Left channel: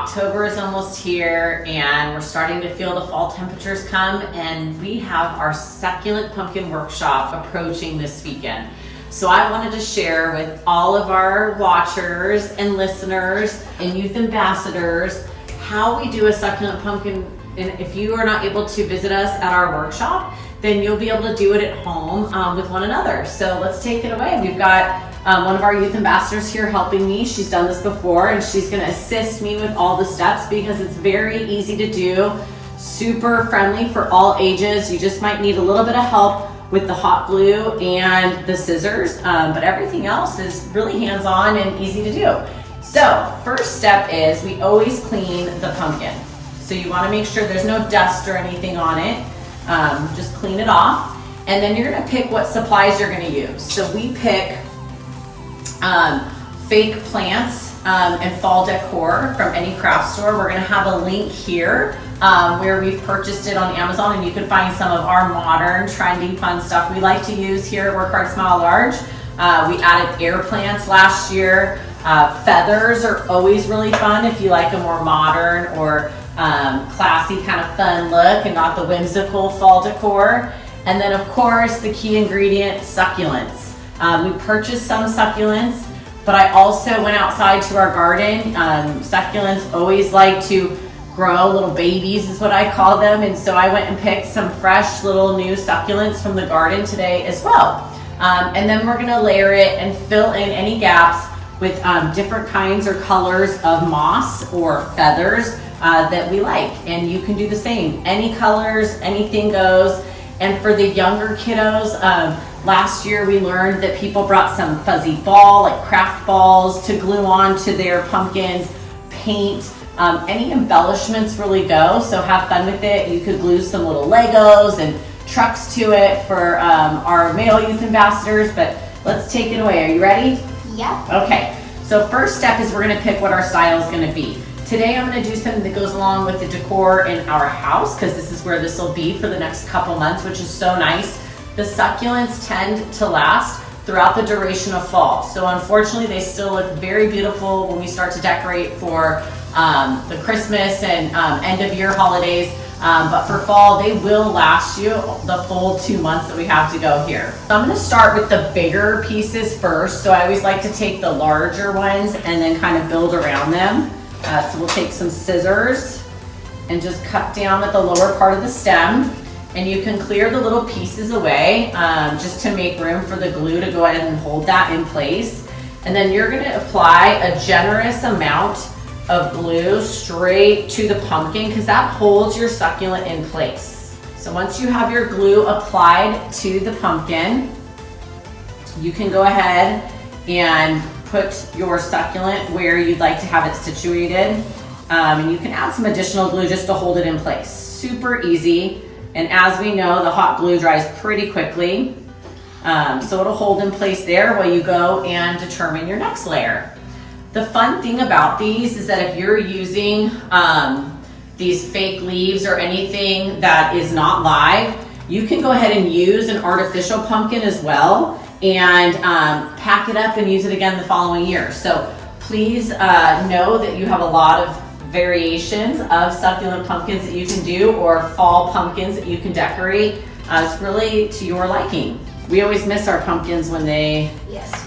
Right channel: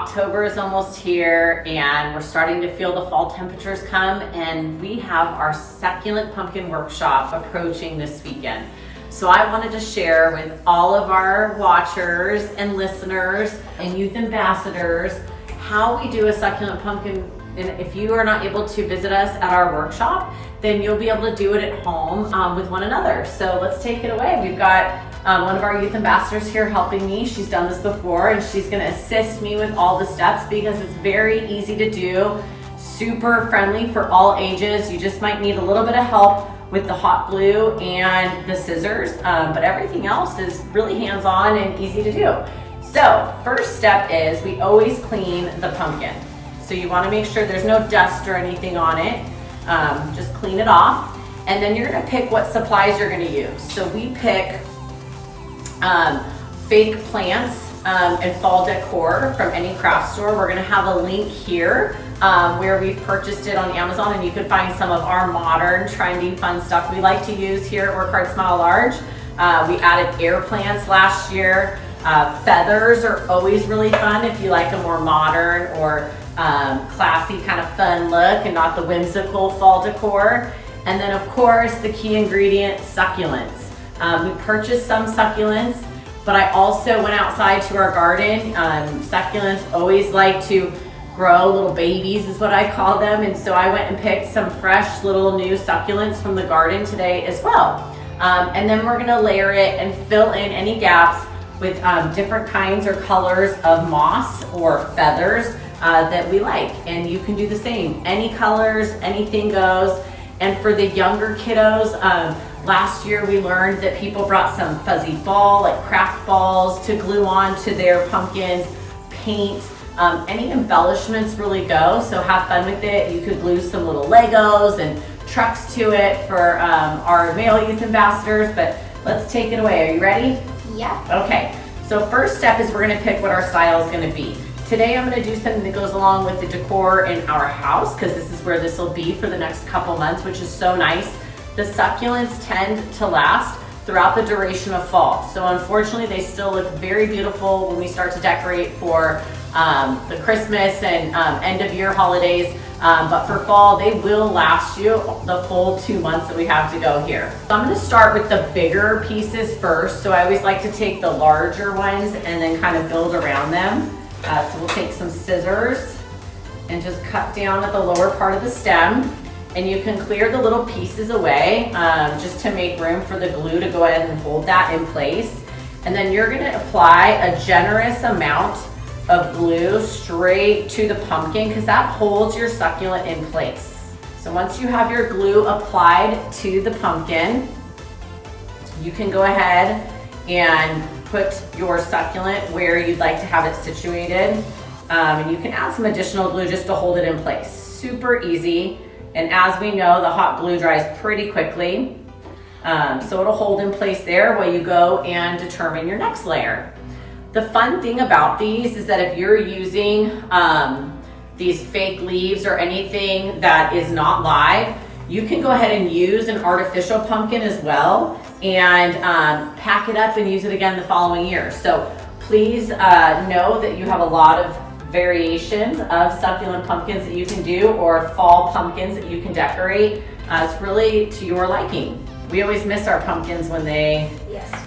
October is almost here and we're starting to feel the fall temperatures come, and we have our succulent pumpkin workshop approaching this weekend. So I wanted to share with all of our watchers and listeners and youth ambassadors how we do a succulent pumpkin. And if you are not able to visit us at our workshop, then you'll be able to do it at home with one another. So let's take it away. We've got one of our youth ambassadors here helping me. She's done this before and she's gonna assist me with all the steps because it's very easy to do, super friendly for all ages. You just might need a little bit of help with the hot glue and the scissors, but everything else is really hands-on and easy to do. So first step is we always clean the pumpkin. So you wanna make sure there's no dust or anything on it. Just clean it off. And then you're gonna pick what supplies you're gonna use. So we pick fake plants and fall decor from any craft store. We're gonna have a link here where we've purchased it on Amazon, and you can find some of our modern, trendy, fun stuff we like to use here at Work Hard, Smile Large. We added air plants last year. Feathers are always really fun if you like a more modern or classy kind of fun look and not the whimsical fall decor. And then of course the key ingredient, succulents. We purchased some succulents, but I also went outside to our garden. Succulents always like to grow, little babies is what I call them. And so I went and picked some fresh little new succulents from the garden today as well. And then we're gonna layer it and fill in any gaps with different kinds or colors of moss or feathers that we like. And you can do the same. Any colors, anything goes. And for the younger kiddos, last year we learned that people brought some fuzzy ball, like craft balls, to glue on to their pumpkins, paint. Any embellishments really go, so have fun with it. You could glue some little Legos and trucks to it for our male youth ambassadors, but let's take it away. Are you ready? Yeah. Okay, so first step is we're gonna pick what our style is gonna be. Today I'm gonna do something that goes along with the decor in our house, because this is where this will be for the next couple months, which is so nice. The succulents tend to last throughout the duration of fall. So unfortunately, they still look very beautiful when we start to decorate for the Christmas and end of year holidays. But for fall, they will last you the full 2 months that we have to go here. So I'm gonna start with the bigger pieces first. So I always like to take the larger ones and then kind of build around them. So we'll take some scissors and just cut down at the lower part of the stem. And you can clear the little pieces away just to make room for the glue to go ahead and hold that in place. And then you're gonna apply a generous amount of glue straight to the pumpkin because that holds your succulent in place. So once you have your glue applied to the pumpkin, you can go ahead and put your succulent where you'd like to have it situated. And you can add some additional glue just to hold it in place. Super easy. And as we know, the hot glue dries pretty quickly. So it'll hold in place there while you go and determine your next layer. The fun thing about these is that if you're using these fake leaves or anything that is not live, you can go ahead and use an artificial pumpkin as well and pack it up and use it again the following year. So please know that you have a lot of variations of succulent pumpkins that you can do or fall pumpkins that you can decorate. It's really to your liking. We always miss our pumpkins when they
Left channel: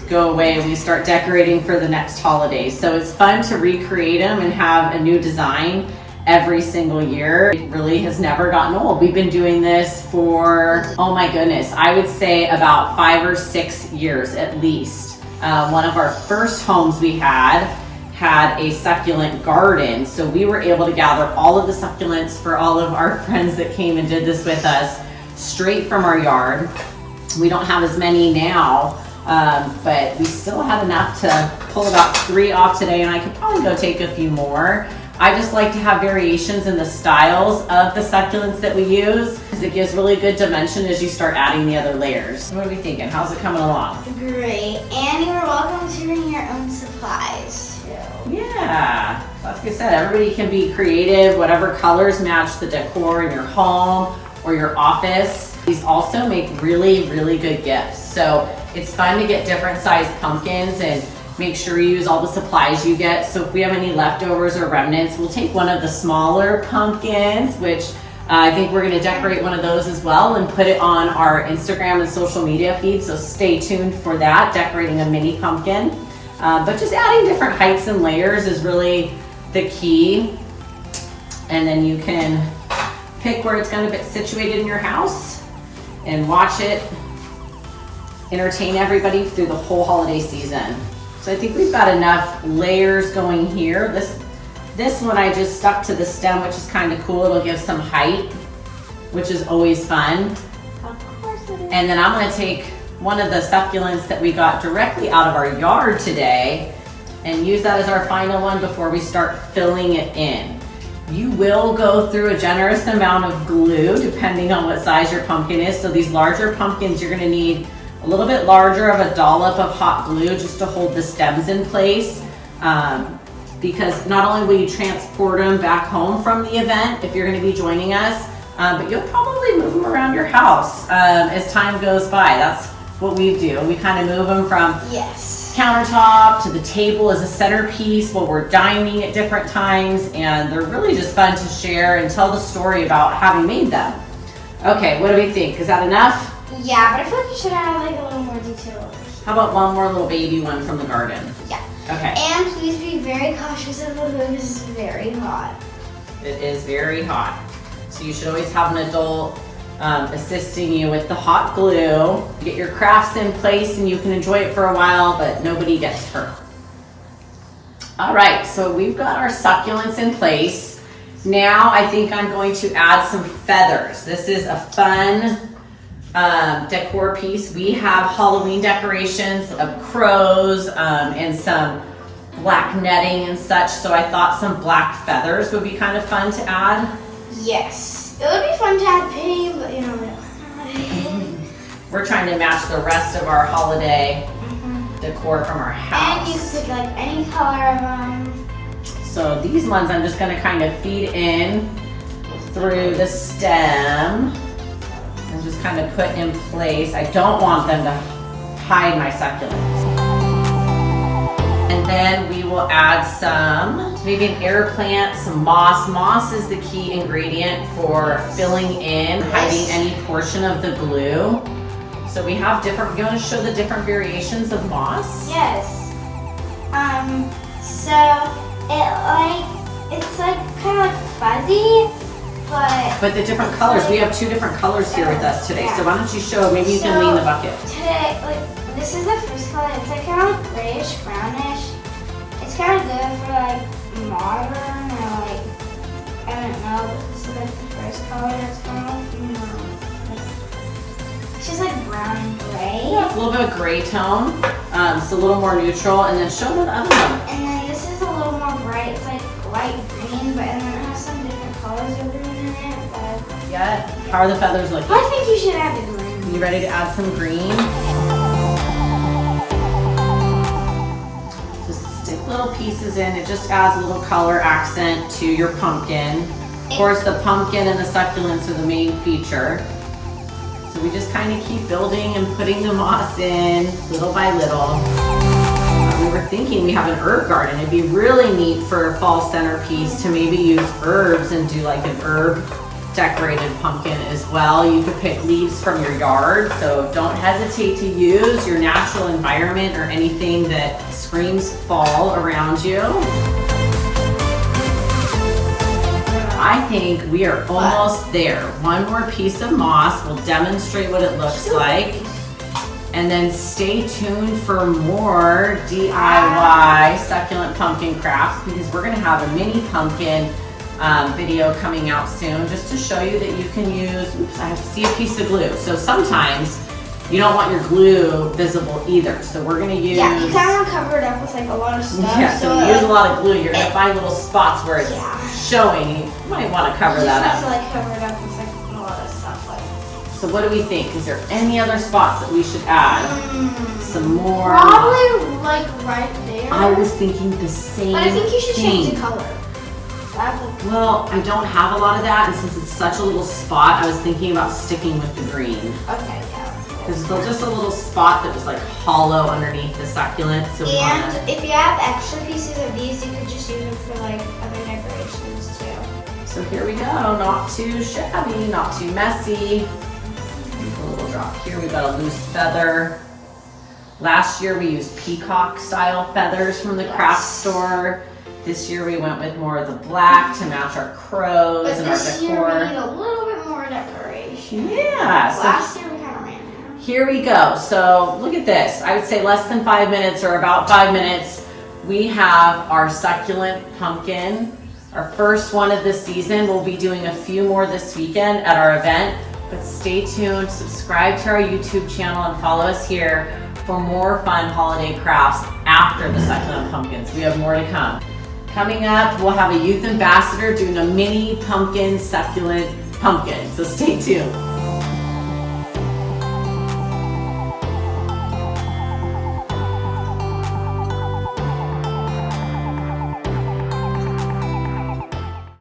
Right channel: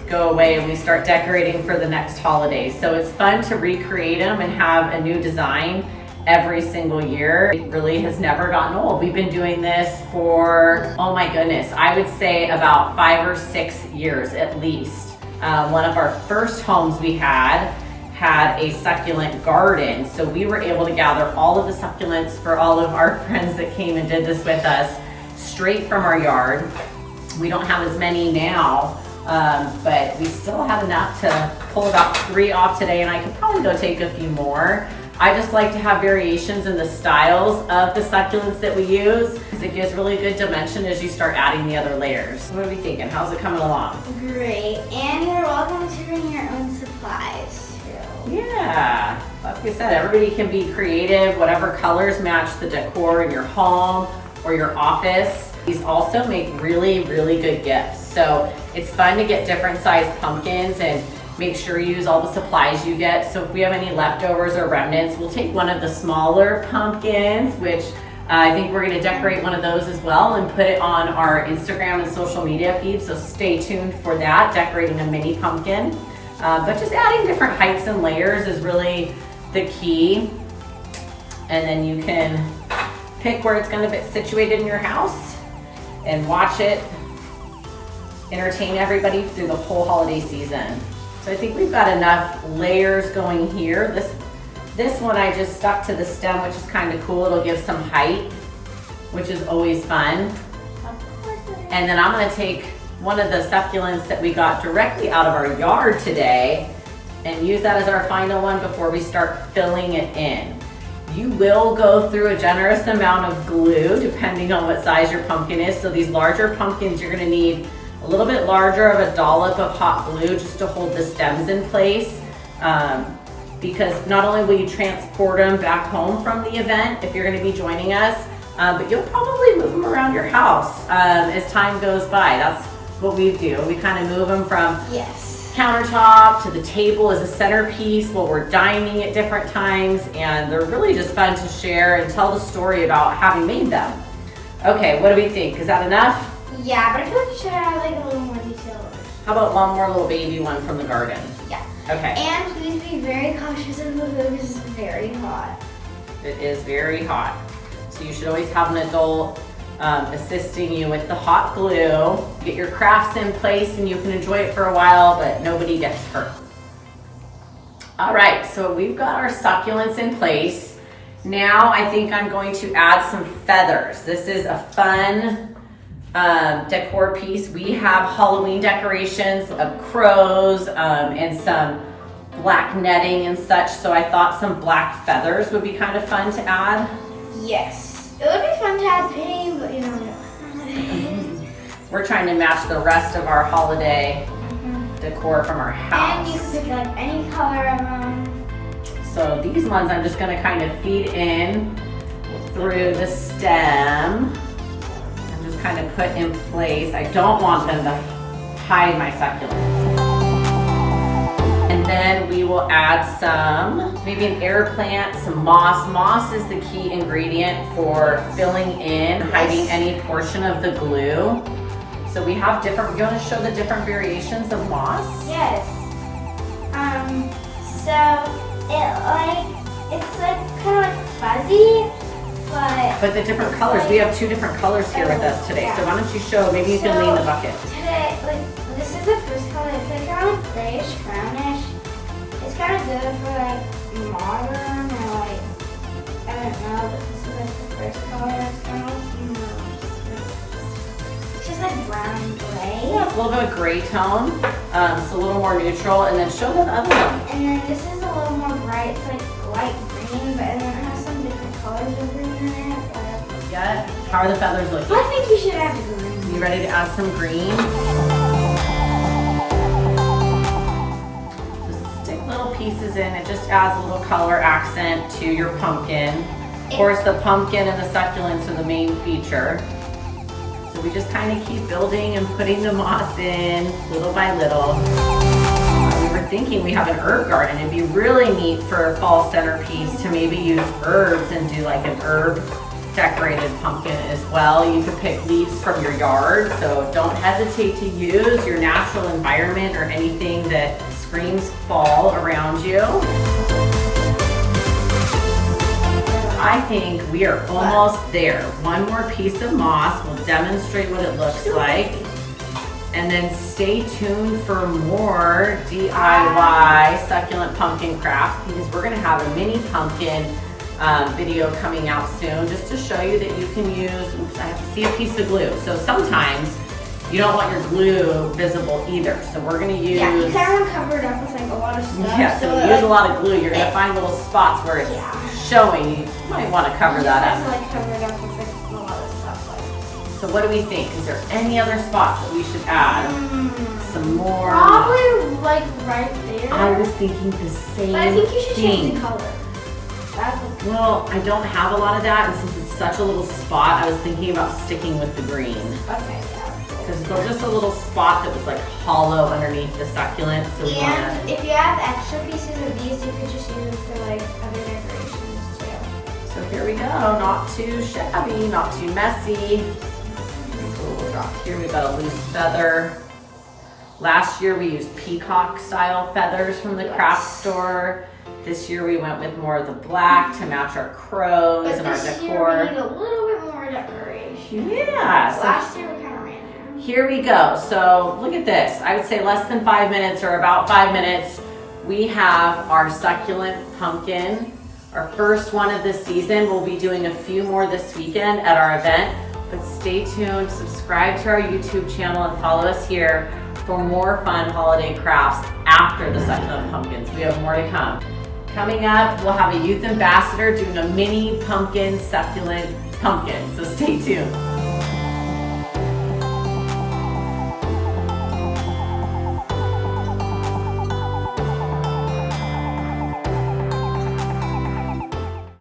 go away and we start decorating for the next holiday. So it's fun to recreate them and have a new design every single year. It really has never gotten old. We've been doing this for, oh my goodness, I would say about 5 or 6 years at least. One of our first homes we had a succulent garden. So we were able to gather all of the succulents for all of our friends that came and did this with us straight from our yard. We don't have as many now, but we still had enough to pull about 3 off today, and I could probably go take a few more. I just like to have variations in the styles of the succulents that we use because it gives really good dimension as you start adding the other layers. What are we thinking? How's it coming along? Great. And you're welcome to bring your own supplies too. Yeah, like I said, everybody can be creative, whatever colors match the decor in your home or your office. These also make really, really good gifts. So it's fun to get different sized pumpkins and Make sure you use all the supplies you get. So if we have any leftovers or remnants, we'll take one of the smaller pumpkins, which I think we're gonna decorate one of those as well and put it on our Instagram and social media feed. So stay tuned for that, decorating a mini pumpkin. But just adding different heights and layers is really the key. And then you can pick where it's gonna be situated in your house and watch it entertain everybody through the whole holiday season. So I think we've got enough layers going here. This one I just stuck to the stem, which is kind of cool. It'll give some height, which is always fun. And then I'm gonna take one of the succulents that we got directly out of our yard today and use that as our final one before we start filling it in. You will go through a generous amount of glue depending on what size your pumpkin is. So these larger pumpkins, you're gonna need a little bit larger of a dollop of hot glue just to hold the stems in place. Because not only will you transport them back home from the event if you're gonna be joining us, but you'll probably move them around your house as time goes by. That's what we do. We kind of move them from countertop to the table as a centerpiece while we're dining at different times, and they're really just fun to share and tell the story about having made them. Okay, what do we think? Is that enough? Yeah, but I feel like you should add like a little more detail. How about one more little baby one from the garden? Yeah. Okay. And please be very cautious of the glue. This is very hot. It is very hot. So you should always have an adult assisting you with the hot glue. Get your crafts in place and you can enjoy it for a while, but nobody gets hurt. All right, so we've got our succulents in place. Now I think I'm going to add some feathers. This is a fun decor piece. We have Halloween decorations of crows and some black netting and such, so I thought some black feathers would be kind of fun to add. Yes, it would be fun to add pink, but you know. We're trying to match the rest of our holiday decor from our house. And you can pick like any color of them. So these ones I'm just gonna kind of feed in through the stem. Kind of put in place. I don't want them to hide my succulents. And then we will add some, maybe an air plant, some moss. Moss is the key ingredient for filling in, hiding any portion of the glue. So we have different, you want to show the different variations of moss? Yes. It's like kind of like fuzzy. But the different colors, we have two different colors here with us today. So why don't you show, maybe you can lean the bucket. Today, like, this is the first color. It's like kind of like grayish, brownish. It's kind of good for like modern or like, I don't know, but this is like the first color that's kind of like, it's just like brown and gray. Yeah, it's a little bit of gray tone. It's a little more neutral. And then show the other one. And then this is a little more bright. It's like light green, but then it has some different colors of green in it. Yet. How are the feathers looking? I think you should add the green. You ready to add some green? Just stick little pieces in. It just adds a little color accent to your pumpkin. Of course, the pumpkin and the succulents are the main feature. So we just kind of keep building and putting the moss in little by little. We were thinking we have an herb garden. It'd be really neat for a fall centerpiece to maybe use herbs and do like an herb decorated pumpkin as well. You could pick leaves from your yard, so don't hesitate to use your natural environment or anything that screams fall around you. I think we are almost there. One more piece of moss will demonstrate what it looks like. And then stay tuned for more DIY succulent pumpkin crafts, because we're gonna have a mini pumpkin video coming out soon, just to show you that you can use, oops, I have to see a piece of glue. So sometimes you don't want your glue visible either. So we're gonna use, yeah, you kind of want to cover it up with like a lot of stuff. Yeah, so when you use a lot of glue, you're gonna find little spots where it's showing. You might want to cover that up. Like cover it up with like a lot of stuff. So what do we think? Is there any other spots that we should add? Some more? Probably like right there. I was thinking the same thing. But I think you should change the color. Well, I don't have a lot of that, and since it's such a little spot, I was thinking about sticking with the green. Okay, yeah. There's just a little spot that was like hollow underneath the succulent. So and if you have extra pieces of these, you could just use them for like other decorations too. So here we go, not too shabby, not too messy. A little drop here, we've got a loose feather. Last year we used peacock style feathers from the craft store. This year we went with more of the black to match our crows But and our this decor. year we need a little bit more decoration. Yeah. Last year we kind of ran out. Here we go. So look at this. I would say less than 5 minutes or about 5 minutes. We have our succulent pumpkin. Our first one of this season. We'll be doing a few more this weekend at our event. But stay tuned, subscribe to our YouTube channel and follow us here for more fun holiday crafts after the succulent pumpkins. We have more to come. Coming up, we'll have a youth ambassador doing a mini pumpkin succulent pumpkin. So stay tuned.